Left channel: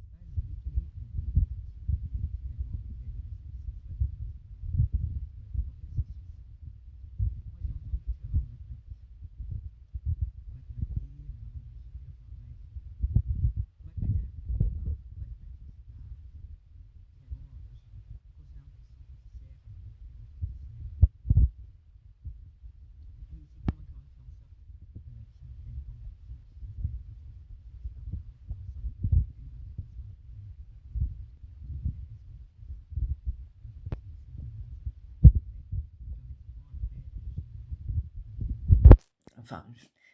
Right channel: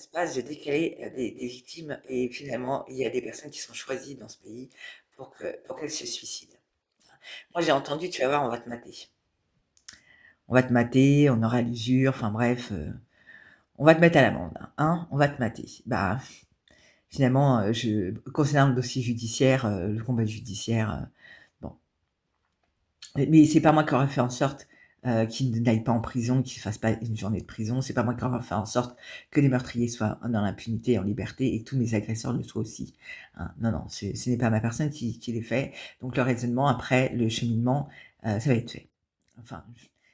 se passe de décaler des victimes et finalement, il y a des personnes qui sont choisies dans ce pays pour qu'elles se suicident. Moi, j'ai entendu, tu vas voir, on va te mater. On va te mater, on aura l'usure, enfin bref, on va te mettre à l'amende, hein, on va te mater. Bah, finalement, concernant le dossier judiciaire, le combat judiciaire, bon, mais c'est pas moi qui aurais fait en sorte qu'il n'aille pas en prison, qu'il ne fasse pas une journée de prison. C'est pas moi qui aurais fait en sorte que les meurtriers soient dans l'impunité et en liberté et que tous mes agresseurs le soient aussi. Hein. Non, non, ce n'est pas ma personne qui les fait. Donc le raisonnement, après, le cheminement, ça va être fait. Enfin,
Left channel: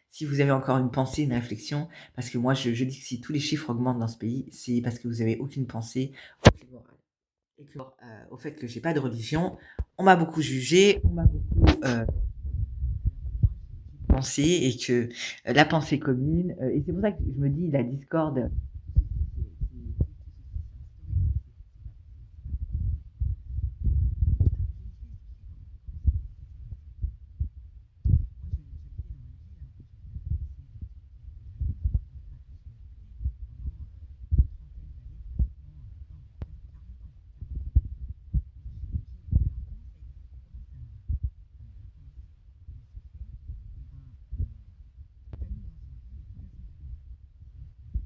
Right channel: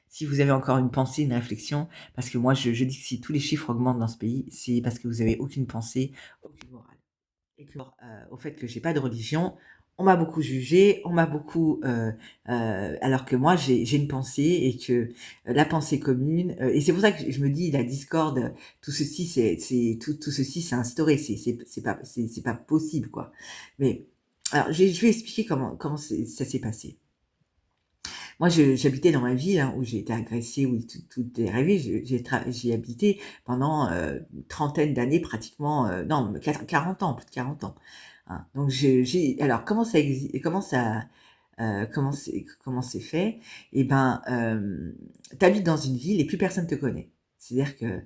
si vous avez encore une pensée, une réflexion, parce que moi, je dis que si tous les chiffres augmentent dans ce pays, c'est parce que vous avez aucune pensée, aucune morale et que, au fait que j'ai pas de religion, on m'a beaucoup jugé, on m'a beaucoup, alors que moi j'ai une pensée et que la pensée commune, et c'est pour ça que je me dis la discorde, tout ceci tout ceci c'est instauré, c'est pas possible quoi. Mais alors je vais expliquer comment ça s'est passé. Moi, j'habitais dans ma ville hein, où j'ai été agressée, où tout est arrivé. J'y ai habité pendant une trentaine d'années, pratiquement, non, 40 ans, plus de 40 ans. Hein. Donc, alors, comment c'est fait? Eh ben, t'habites dans une ville et plus personne te connaît. C'est-à-dire que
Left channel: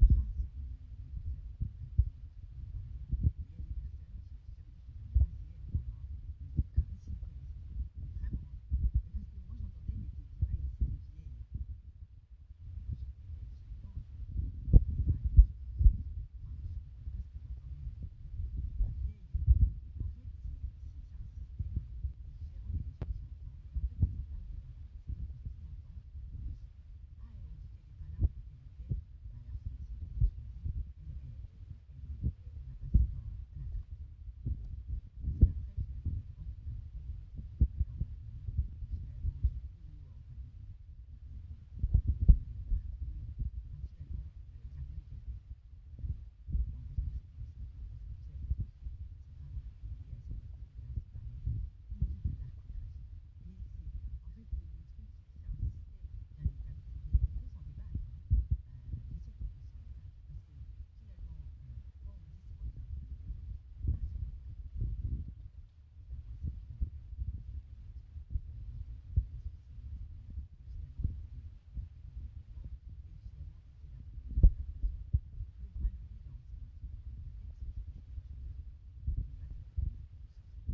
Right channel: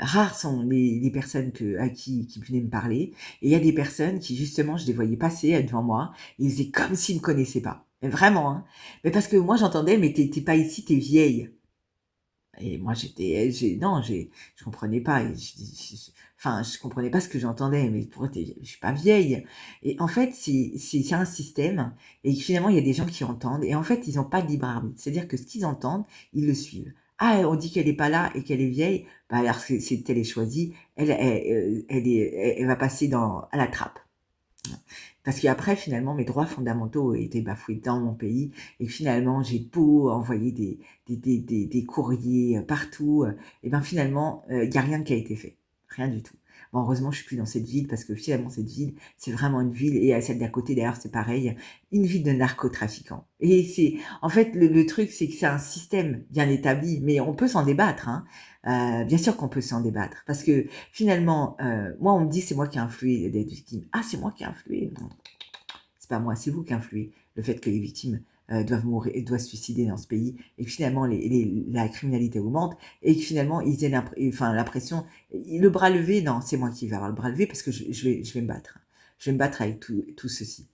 rares sont les personnes qui venaient me parler. Et il y a des personnes qui, justement, je les voyais passer devant moi. Et ils faisaient comme s'ils ne me connaissaient pas. Mais vraiment, hein. Mais parce que moi, j'entendais, mais t'es pas ici, t'es vieille. Et moi, non, je comprenais pas. Enfin, je comprenais pas ce que j'entendais. Mais pourquoi je suis pas vieille. Et en fait, c'est un système. Et finalement, il y a des gens qui entendent. Et en fait, ils n'ont pas de libre arbitre. C'est-à-dire que ce qu'ils entendent, ils le suivent. Ah, on dit qu'elle est pas là et qu'elle est vieille. Bah alors, elle est choisie. Elle va passer à la trappe. Parce qu'après, finalement, mes droits fondamentaux ont été bafoués dans mon pays. Et finalement, j'ai beau envoyer des courriers partout. Et bien finalement, il n'y a rien qui a été fait. Rien du tout. Bon, heureusement, je suis plus dans cette ville parce que finalement, cette ville, c'est vraiment une ville. Et celle d'à côté, d'ailleurs, c'est pareil. Une ville de narcotrafiquants. Et en fait, le truc, c'est que c'est un système bien établi. Mais on peut s'en débattre, hein. Bien sûr qu'on peut s'en débattre. Parce que finalement, moi, on me dit c'est moi qui ai influé les victimes. Ah, c'est moi qui ai influé. Non, c'est pas moi, c'est vous qui influez le fait que les victimes doivent mourir et doivent se suicider dans ce pays et que finalement la criminalité augmente et que finalement ils aient l'impression, le bras levé, non, c'est moi qui vais avoir le bras levé parce que je vais me battre. Je vais me battre avec tout ceci.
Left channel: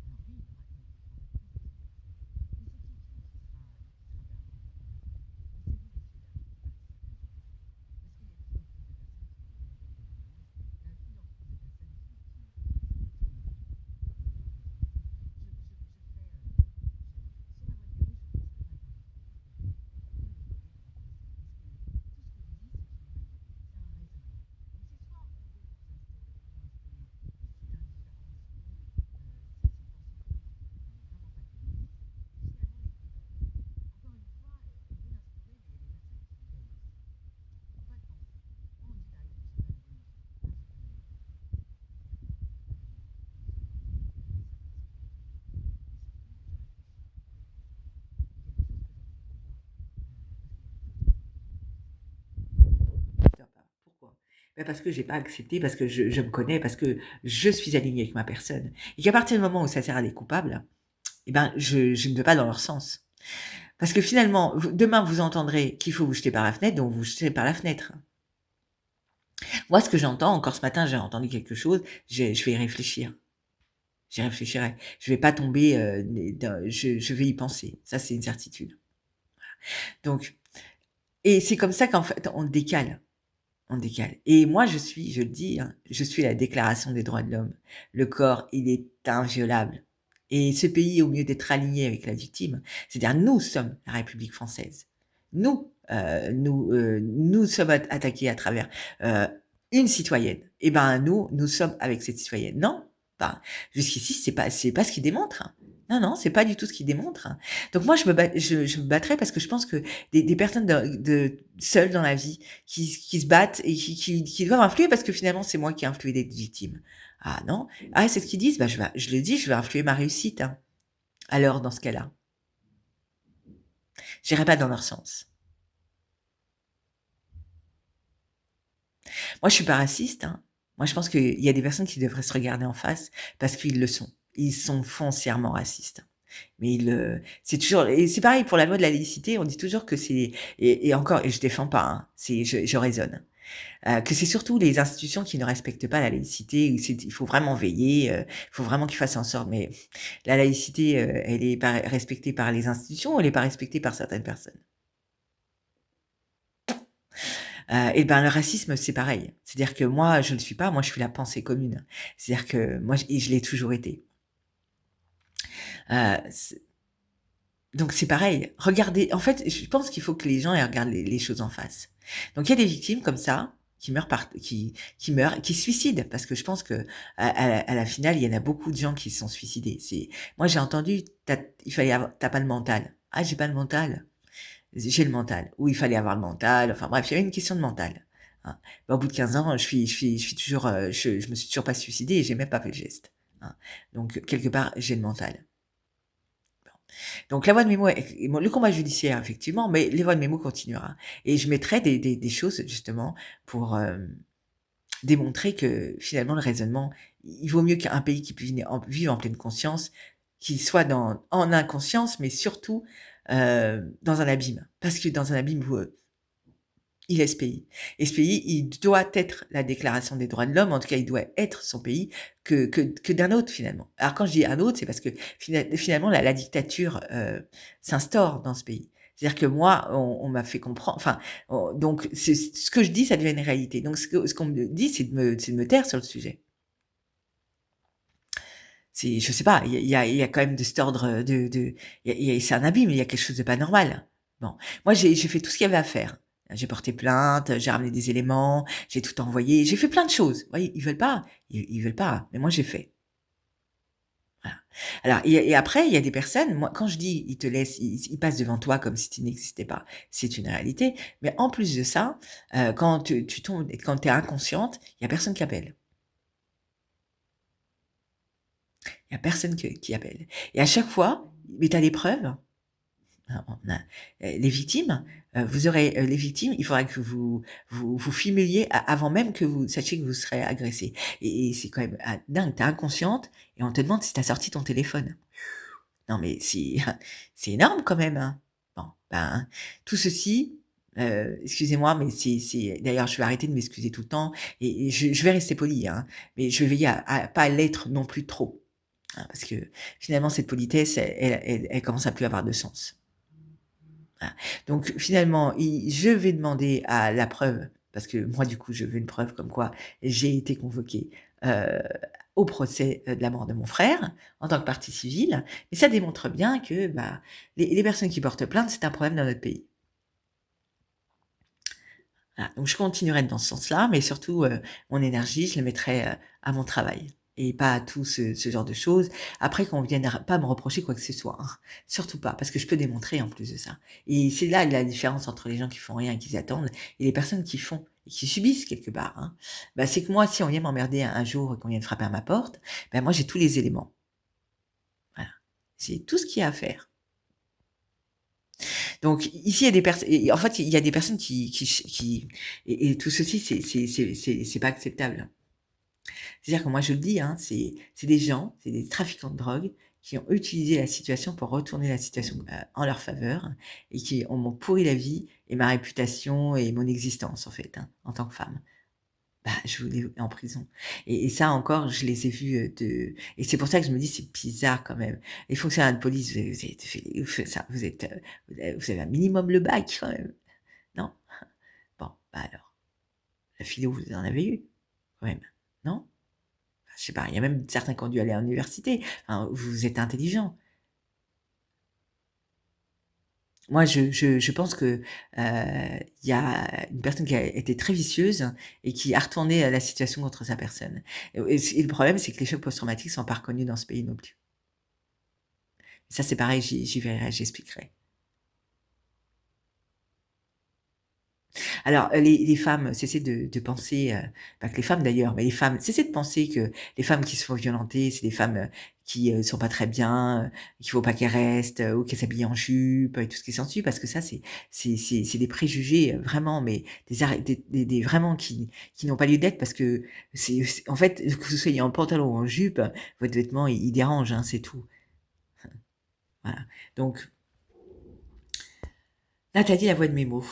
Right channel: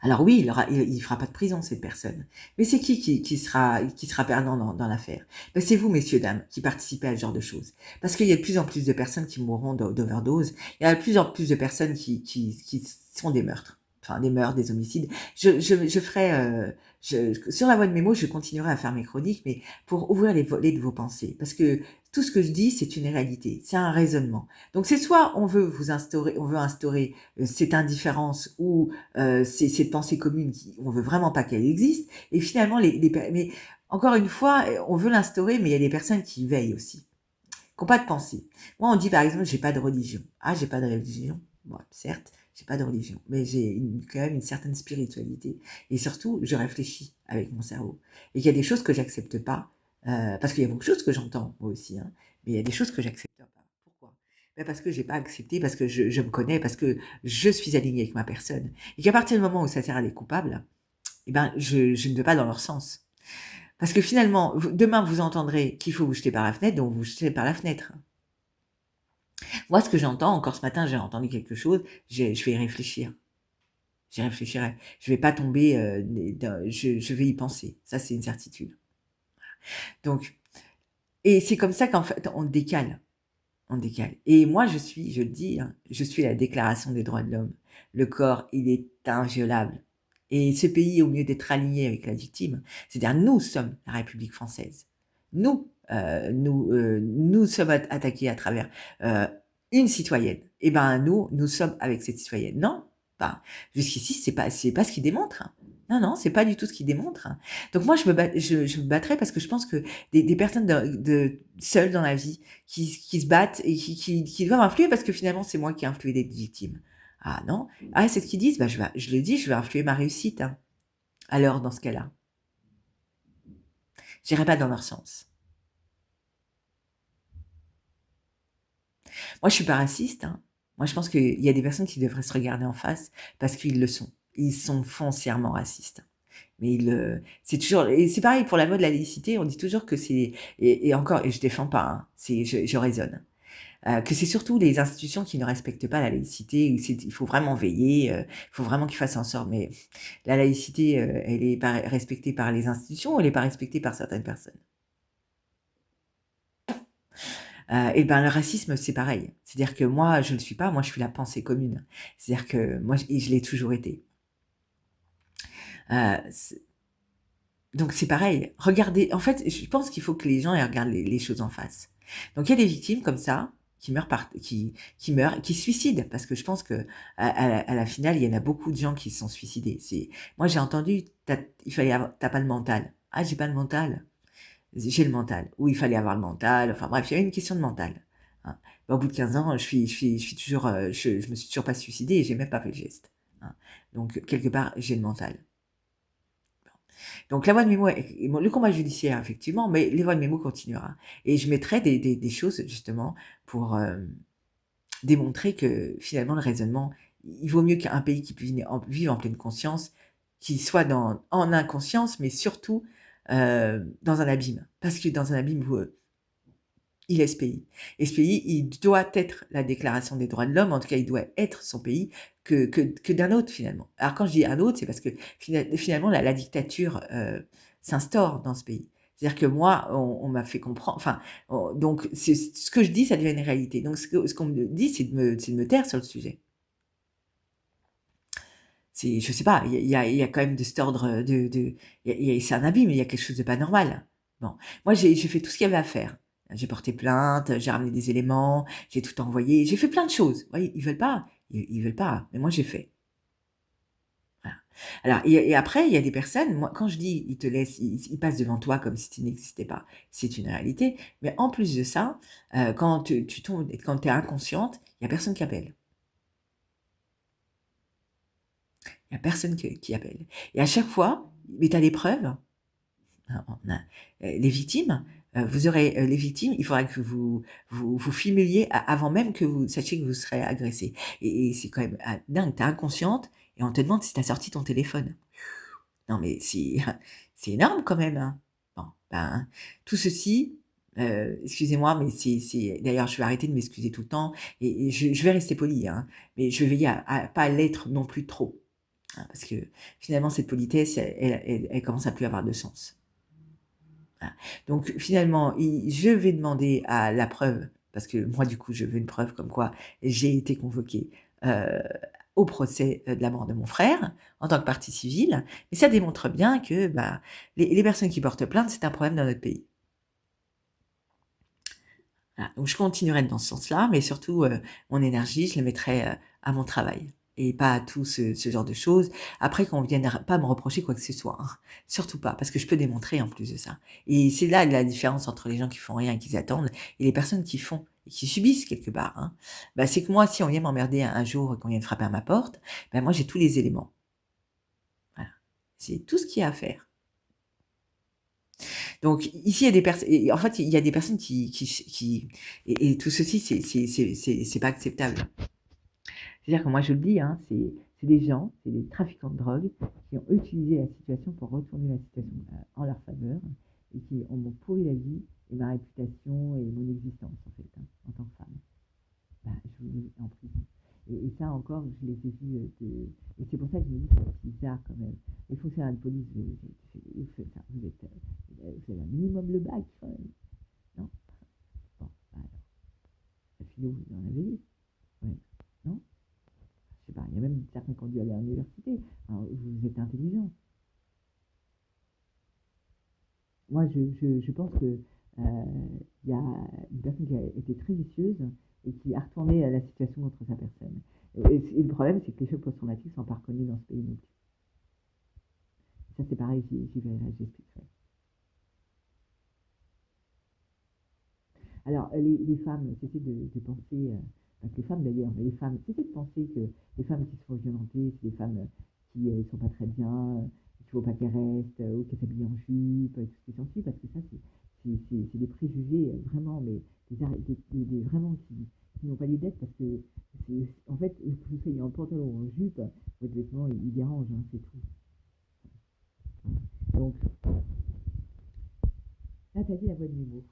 Alors oui, il fera pas de prison, cette personne. Mais c'est qui sera perdant dans l'affaire? Ben, c'est vous, messieurs, dames, qui participez à ce genre de choses. Parce qu'il y a de plus en plus de personnes qui mourront d'overdose. Il y a de plus en plus de personnes qui sont des meurtres. Enfin, des meurtres, des homicides. Je ferai... sur la voie de mes mots, je continuerai à faire mes chroniques, mais pour ouvrir les volets de vos pensées. Parce que tout ce que je dis, c'est une réalité. C'est un raisonnement. Donc c'est soit on veut instaurer cette indifférence ou c'est cette pensée commune on veut vraiment pas qu'elle existe. Et finalement, mais encore une fois, on veut l'instaurer, mais il y a des personnes qui y veillent aussi, qui n'ont pas de pensée. Moi, on dit par exemple, j'ai pas de religion. Ah, j'ai pas de religion. Bon, certes, j'ai pas de religion, mais j'ai quand même une certaine spiritualité. Et surtout, je réfléchis avec mon cerveau. Et il y a des choses que j'accepte pas, parce qu'il y a beaucoup de choses que j'entends, moi aussi, hein, mais il y a des choses que j'accepte pas. Pourquoi? Ben parce que j'ai pas accepté, parce que je me connais, parce que je suis alignée avec ma personne. Et qu'à partir du moment où ça sert à des coupables, eh ben, je ne vais pas dans leur sens. Parce que finalement, demain, vous entendrez qu'il faut vous jeter par la fenêtre, donc vous jetez par la fenêtre. Moi, ce que j'entends, encore ce matin, j'ai entendu quelque chose, je vais y réfléchir. J'y réfléchirai. Je vais pas tomber, je vais y penser. Ça, c'est une certitude. Donc, et c'est comme ça qu'en fait, on décale. On décale. Et moi, je le dis, hein, je suis la déclaration des droits de l'homme. Le corps, il est inviolable. Et ce pays, au mieux d'être aligné avec la victime, c'est-à-dire nous sommes la République française. Nous sommes attaqués à travers une citoyenne. Et ben nous sommes avec cette citoyenne. Non, ben, jusqu'ici, c'est pas ce qui démontre. Hein. Non, non, c'est pas du tout ce qui démontre. Hein. Donc moi, je me battrais parce que je pense que des personnes seules dans la vie qui se battent et qui doivent influer parce que finalement, c'est moi qui ai influé des victimes. Ah non, ah c'est ce qu'ils disent, bah, je le dis, je vais influer ma réussite. Hein. Alors, dans ce cas-là, j'irai pas dans leur sens. Moi, je suis pas raciste, hein. Moi, je pense qu'il y a des personnes qui devraient se regarder en face parce qu'ils le sont. Ils sont foncièrement racistes. Mais c'est toujours et c'est pareil pour la loi de la laïcité, on dit toujours que c'est et encore et je défends pas, hein, je raisonne, que c'est surtout les institutions qui ne respectent pas la laïcité, il faut vraiment veiller, il faut vraiment qu'ils fassent en sorte mais la laïcité, elle est pas respectée par les institutions ou elle est pas respectée par certaines personnes? Et ben, le racisme, c'est pareil. C'est-à-dire que moi, je ne le suis pas, moi, je suis la pensée commune. C'est-à-dire que moi et je l'ai toujours été. C Donc c'est pareil. Regardez en fait, je pense qu'il faut que les gens, ils regardent les choses en face. Donc il y a des victimes comme ça, qui meurent, qui se suicident parce que je pense qu'à la finale, il y en a beaucoup de gens qui se sont suicidés. Moi, j'ai entendu: il fallait avoir tu pas le mental». «Ah, j'ai pas le mental». J'ai le mental, ou il fallait avoir le mental, enfin bref, il y avait une question de mental, hein. Bah, au bout de 15 ans, je suis toujours, je me suis toujours pas suicidée et j'ai même pas fait le geste, hein. Donc quelque part, j'ai le mental. Donc la voie de mémo est bon, le combat judiciaire effectivement, mais les voies de mémo continuera et je mettrai des choses justement pour, démontrer que finalement le raisonnement, il vaut mieux qu'un pays qui puisse vivre en pleine conscience, qu'il soit en inconscience, mais surtout, dans un abîme. Parce que dans un abîme où, il est ce pays et ce pays, il doit être la déclaration des droits de l'homme, en tout cas, il doit être son pays que d'un autre finalement. Alors quand je dis un autre, c'est parce que finalement la dictature, s'instaure dans ce pays. C'est-à-dire que moi, on m'a fait comprendre enfin, donc c'est ce que je dis, ça devient une réalité. Donc ce qu'on me dit, c'est de me taire sur le sujet. C'est je sais pas, il y a quand même de cet ordre, de c'est un abîme, il y a quelque chose de pas normal. Bon, moi j'ai fait tout ce qu'il y avait à faire. J'ai porté plainte, j'ai ramené des éléments, j'ai tout envoyé, j'ai fait plein de choses. Vous voyez? Ils veulent pas, mais moi j'ai fait. Voilà. Alors et après il y a des personnes, moi quand je dis: «Ils te laissent, ils passent devant toi comme si tu n'existais pas», c'est une réalité, mais en plus de ça, quand tu tombes quand tu es inconsciente, il y a personne qui appelle. Il y a personne qui appelle et à chaque fois, mais tu as les preuves. On a les victimes, vous aurez, les victimes, il faudra que vous filmiez avant même que vous sachiez que vous serez agressé et c'est quand même, dingue, tu es inconsciente et on te demande si tu as sorti ton téléphone. Non mais c'est énorme quand même, hein. Bon, ben, tout ceci, excusez-moi mais c'est d'ailleurs je vais arrêter de m'excuser tout le temps et je vais rester polie, hein, mais je vais veiller à pas l'être non plus trop, hein, parce que finalement cette politesse elle commence à plus avoir de sens. Voilà. Donc finalement, je vais demander à la preuve, parce que moi du coup je veux une preuve comme quoi j'ai été convoquée, heu, au procès, de la mort de mon frère, en tant que partie civile. Mais ça démontre bien que, bah, les personnes qui portent plainte, c'est un problème dans notre pays. Voilà, donc je continuerai dans ce sens-là, mais surtout, mon énergie, je la mettrai, à mon travail et pas à tout ce genre de choses. Après qu'on vienne pas me reprocher quoi que ce soit, hein, surtout pas, parce que je peux démontrer en plus de ça et c'est là la différence entre les gens qui font rien et qui attendent et les personnes qui font et qui subissent quelque part, hein. Bah, c'est que moi, si on vient m'emmerder un jour et qu'on vient de frapper à ma porte, bah, moi j'ai tous les éléments. Voilà. C'est tout ce qu'il y a à faire. Donc ici, il y a des personnes en fait, il y a des personnes qui et tout ceci, c'est pas acceptable. C'est-à-dire que moi, je le dis, hein, c'est des gens, c'est des trafiquants de drogue qui ont utilisé la situation pour retourner la situation, en leur faveur et qui m'ont pourri la vie et ma réputation et mon existence, en fait, hein, en tant que femme. Bah, je voulais en prison et ça encore, je les ai vus, de et c'est pour ça que je me dis: «C'est bizarre quand même». Les fonctionnaires de police, vous êtes fait vous faites ça vous avez un minimum le bac quand même, non? Bon, bah alors, la philo, vous en avez eu quand même, non? Je sais pas, il y a même certains qui ont dû aller à l'université. Enfin, vous êtes intelligents. Moi, je pense que, il y a une personne qui a été très vicieuse et qui a retourné, la situation contre sa personne et le problème, c'est que les chocs post-traumatiques sont pas reconnus dans ce pays non plus. Ça, c'est pareil, j'y verrai, j'expliquerai. Alors, les femmes, cessez de penser, pas que les femmes d'ailleurs, mais les femmes, cessez de penser que les femmes qui se font violenter, c'est des femmes, qui, sont pas très bien, qu'il faut pas qu'elles restent, ou qu'elles s'habillent en jupe, et tout ce qui s'ensuit, parce que ça, c'est des préjugés, vraiment, mais des vraiment qui n'ont pas lieu d'être, parce que en fait, que vous soyez en pantalon ou en jupe, votre vêtement, il dérange, hein, c'est tout. Voilà. Donc, là, tu as dit la voix de mes mots.